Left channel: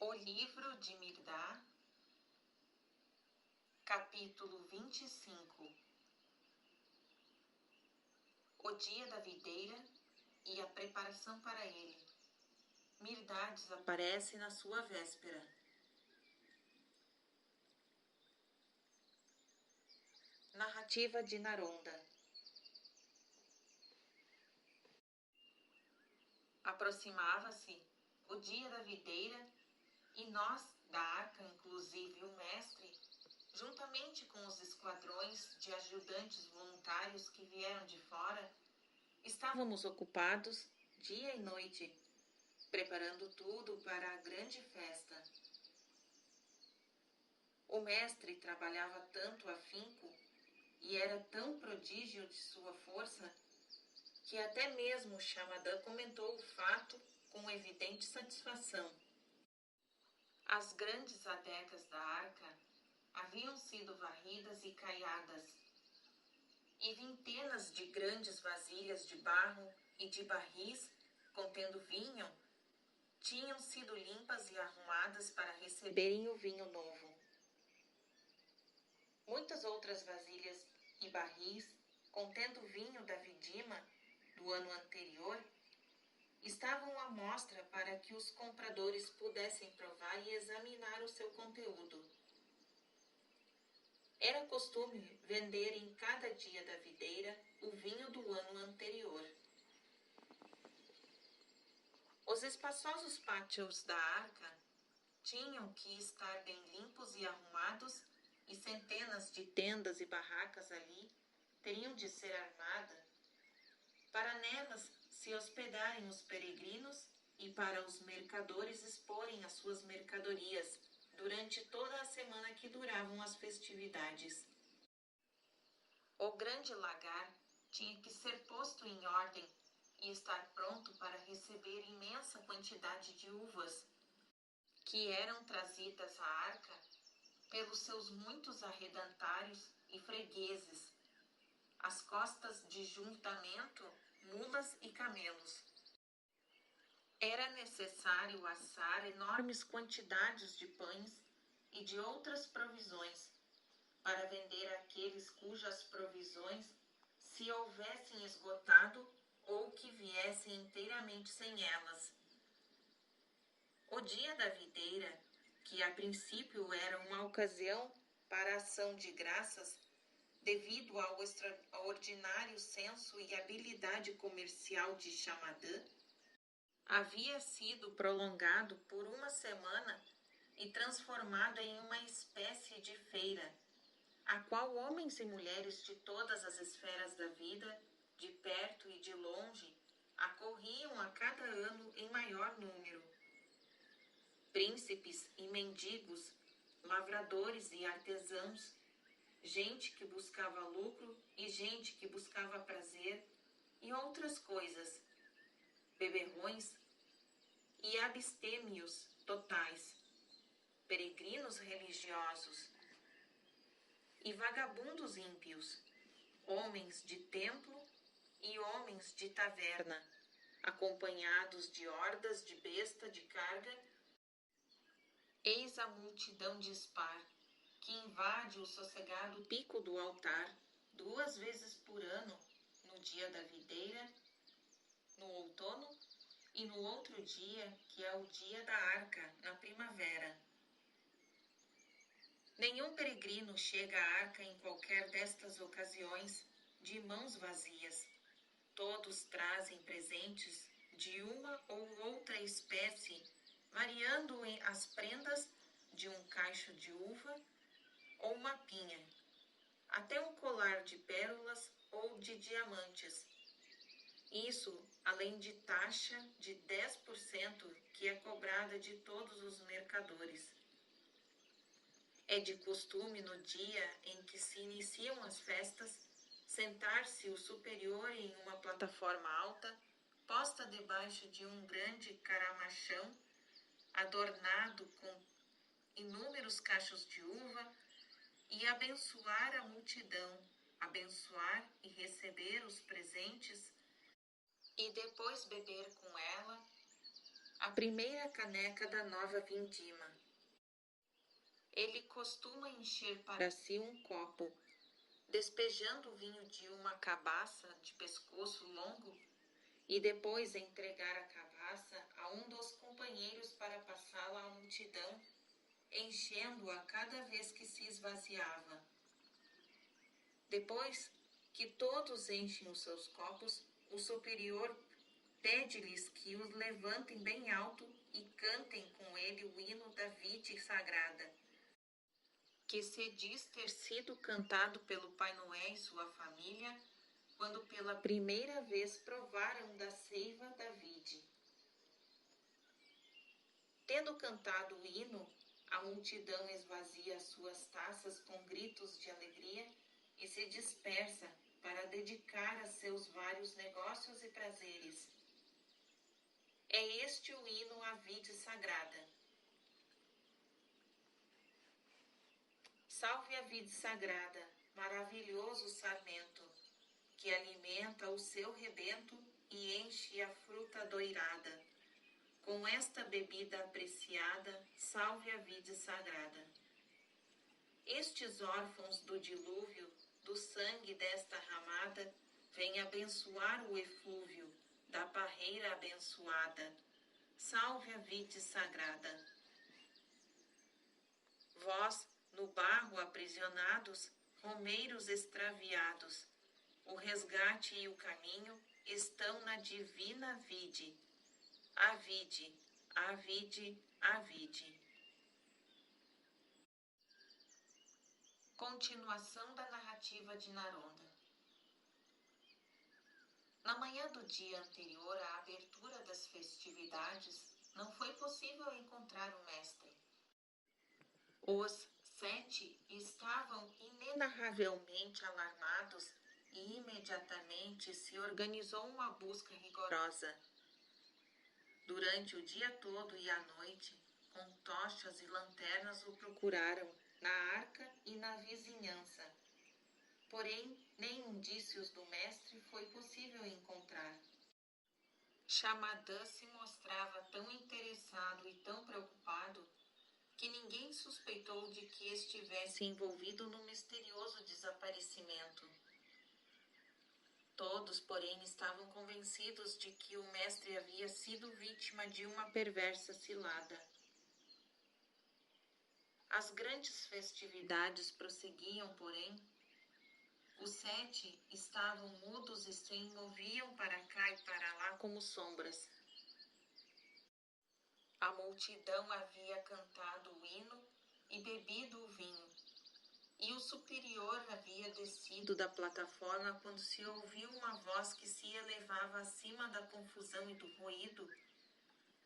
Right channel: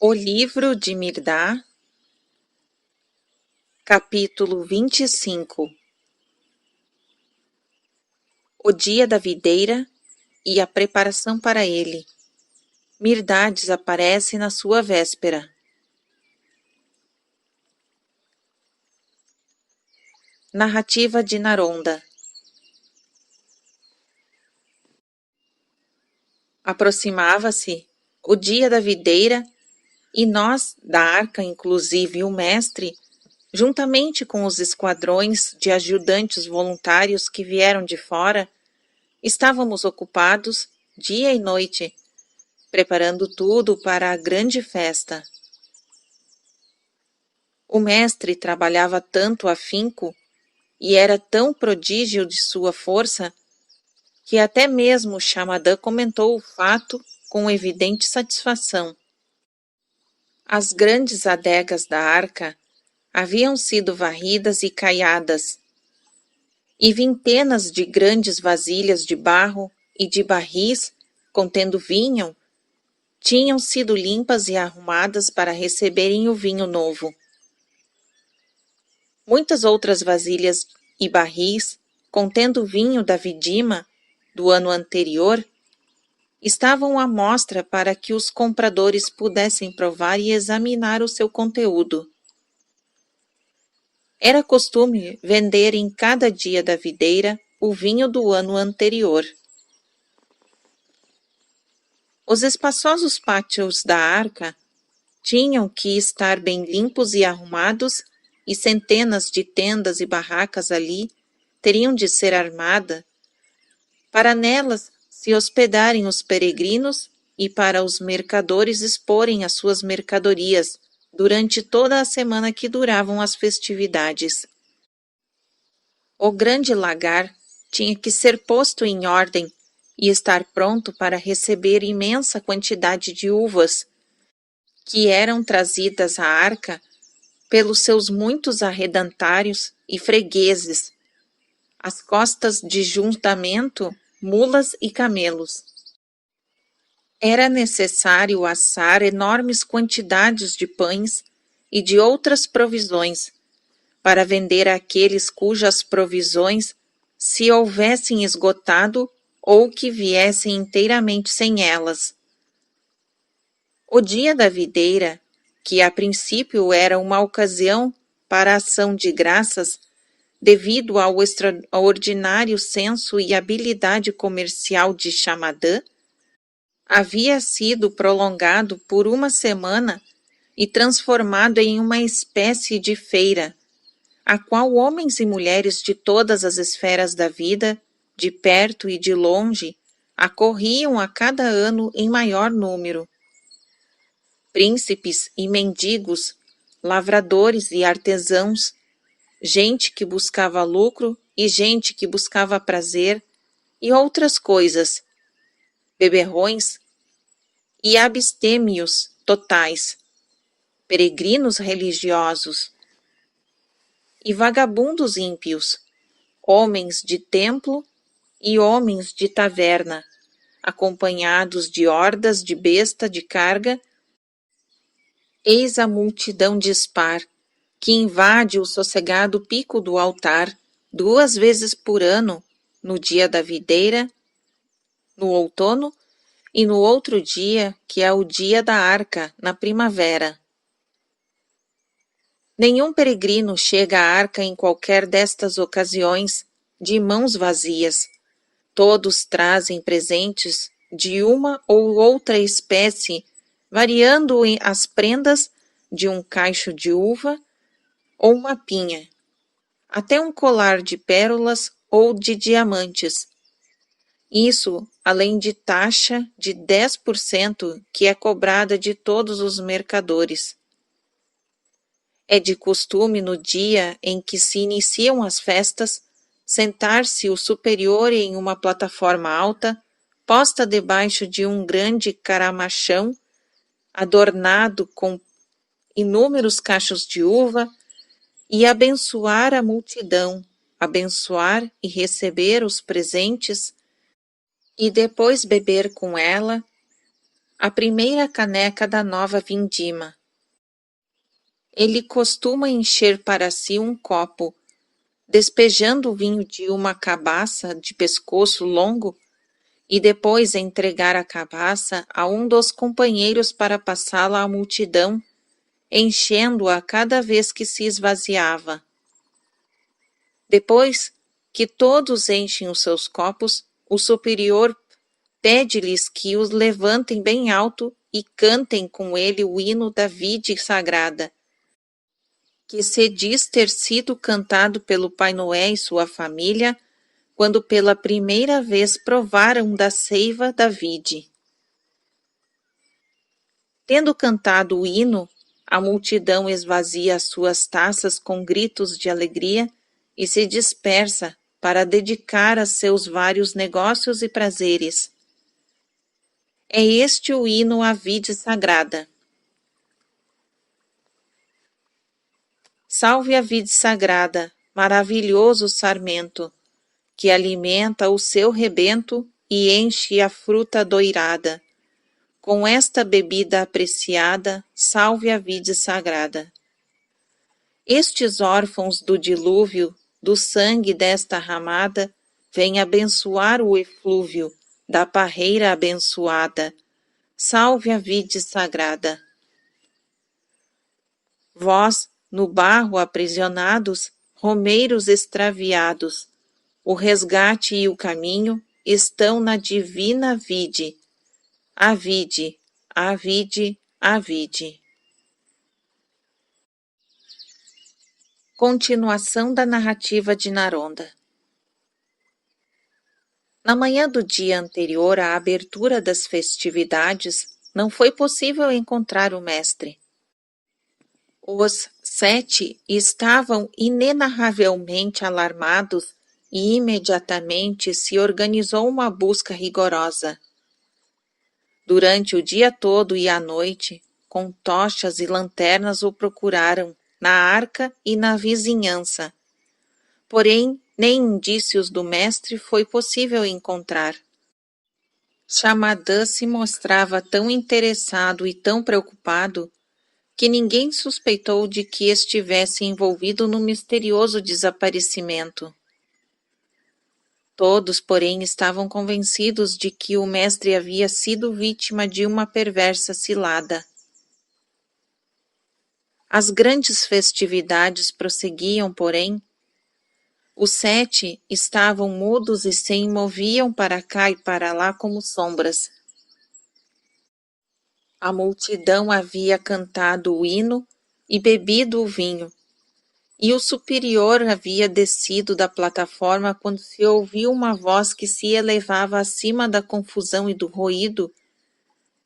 O livro de Mirdá, capítulo 25. O dia da videira e a preparação para ele. Mirdá desaparece na sua véspera. Narrativa de Naronda. Aproximava-se o dia da videira e nós, da arca, inclusive o mestre, juntamente com os esquadrões de ajudantes voluntários que vieram de fora, estávamos ocupados, dia e noite, preparando tudo para a grande festa. O mestre trabalhava tanto afinco e era tão prodígio de sua força que até mesmo Xamadã comentou o fato com evidente satisfação. As grandes adegas da arca haviam sido varridas e caiadas, e vintenas de grandes vasilhas de barro e de barris contendo vinho tinham sido limpas e arrumadas para receberem o vinho novo. Muitas outras vasilhas e barris, contendo vinho da vindima do ano anterior, estavam à mostra para que os compradores pudessem provar e examinar o seu conteúdo. Era costume vender em cada dia da videira o vinho do ano anterior. Os espaçosos pátios da arca tinham que estar bem limpos e arrumados, e centenas de tendas e barracas ali teriam de ser armadas, para nelas se hospedarem os peregrinos e para os mercadores exporem as suas mercadorias durante toda a semana que duravam as festividades. O grande lagar tinha que ser posto em ordem e estar pronto para receber imensa quantidade de uvas, que eram trazidas à arca pelos seus muitos arredantários e fregueses, as costas de juntamento, mulas e camelos. Era necessário assar enormes quantidades de pães e de outras provisões, para vender àqueles cujas provisões se houvessem esgotado ou que viessem inteiramente sem elas. O dia da videira, que a princípio era uma ocasião para a ação de graças, devido ao extraordinário senso e habilidade comercial de Xamadã, havia sido prolongado por uma semana e transformado em uma espécie de feira, a qual homens e mulheres de todas as esferas da vida, de perto e de longe, acorriam a cada ano em maior número. Príncipes e mendigos, lavradores e artesãos, gente que buscava lucro e gente que buscava prazer e outras coisas, beberrões e abstêmios totais, peregrinos religiosos e vagabundos ímpios, homens de templo e homens de taverna, acompanhados de hordas de besta de carga. Eis a multidão dispar, que invade o sossegado pico do altar 2 vezes por ano, no dia da videira, no outono, e no outro dia, que é o dia da arca, na primavera. Nenhum peregrino chega à arca em qualquer destas ocasiões de mãos vazias. Todos trazem presentes de uma ou outra espécie, variando as prendas de um cacho de uva ou uma pinha, até um colar de pérolas ou de diamantes. Isso além de taxa de 10% que é cobrada de todos os mercadores. É de costume no dia em que se iniciam as festas, sentar-se o superior em uma plataforma alta, posta debaixo de um grande caramachão, adornado com inúmeros cachos de uva, e abençoar a multidão, abençoar e receber os presentes, e depois beber com ela, a primeira caneca da nova vindima. Ele costuma encher para si um copo, despejando o vinho de uma cabaça de pescoço longo, e depois entregar a cabaça a um dos companheiros para passá-la à multidão, enchendo-a cada vez que se esvaziava. Depois que todos enchem os seus copos, o superior pede-lhes que os levantem bem alto e cantem com ele o hino da vide sagrada, que se diz ter sido cantado pelo Pai Noé e sua família quando pela primeira vez provaram da seiva da vide. Tendo cantado o hino, a multidão esvazia as suas taças com gritos de alegria e se dispersa para dedicar a seus vários negócios e prazeres. É este o hino à vide sagrada. Salve a vide sagrada, maravilhoso sarmento, que alimenta o seu rebento e enche a fruta doirada. Com esta bebida apreciada, salve a vide sagrada. Estes órfãos do dilúvio, do sangue desta ramada, vêm abençoar o eflúvio da parreira abençoada. Salve a vide sagrada. Vós, no barro aprisionados, romeiros extraviados, o resgate e o caminho estão na divina vide. A vide, a vide, a vide. Continuação da narrativa de Naronda. Na manhã do dia anterior à abertura das festividades, não foi possível encontrar o mestre. Os 7 estavam inenarravelmente alarmados e imediatamente se organizou uma busca rigorosa. Durante o dia todo e à noite, com tochas e lanternas o procuraram, na arca e na vizinhança. Porém, nem indícios do mestre foi possível encontrar. Xamadã se mostrava tão interessado e tão preocupado que ninguém suspeitou de que estivesse envolvido no misterioso desaparecimento. Todos, porém, estavam convencidos de que o mestre havia sido vítima de uma perversa cilada. As grandes festividades prosseguiam, porém. Os 7 estavam mudos e se moviam para cá e para lá como sombras. A multidão havia cantado o hino e bebido o vinho, e o superior havia descido da plataforma quando se ouviu uma voz que se elevava acima da confusão e do ruído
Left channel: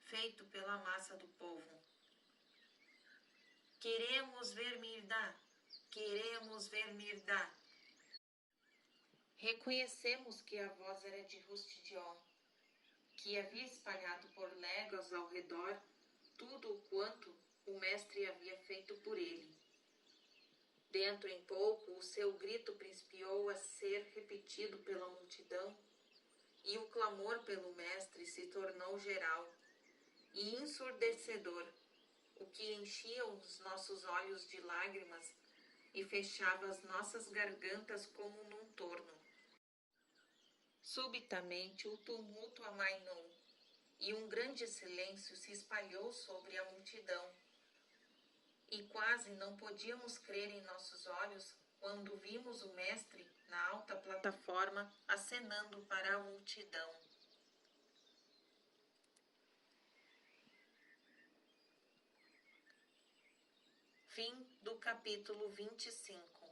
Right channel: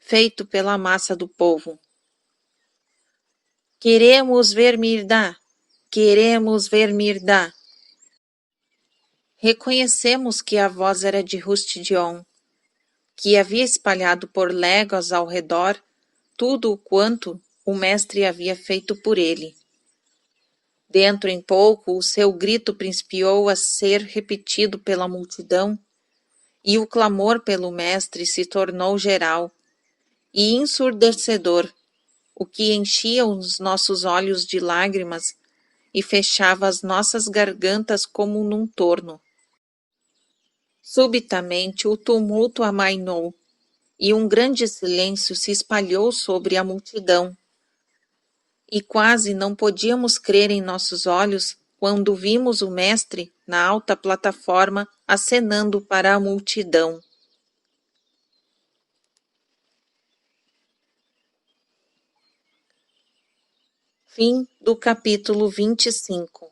feito pela massa do povo. Queremos ver Mirdá! Queremos ver Mirdá! Reconhecemos que a voz era de Rustidion, que havia espalhado por léguas ao redor tudo o quanto o mestre havia feito por ele. Dentro em pouco, o seu grito principiou a ser repetido pela multidão, e o clamor pelo mestre se tornou geral e ensurdecedor, o que enchia os nossos olhos de lágrimas e fechava as nossas gargantas como num torno. Subitamente o tumulto amainou, e um grande silêncio se espalhou sobre a multidão. E quase não podíamos crer em nossos olhos quando vimos o mestre na alta plataforma acenando para a multidão. Fim do capítulo 25.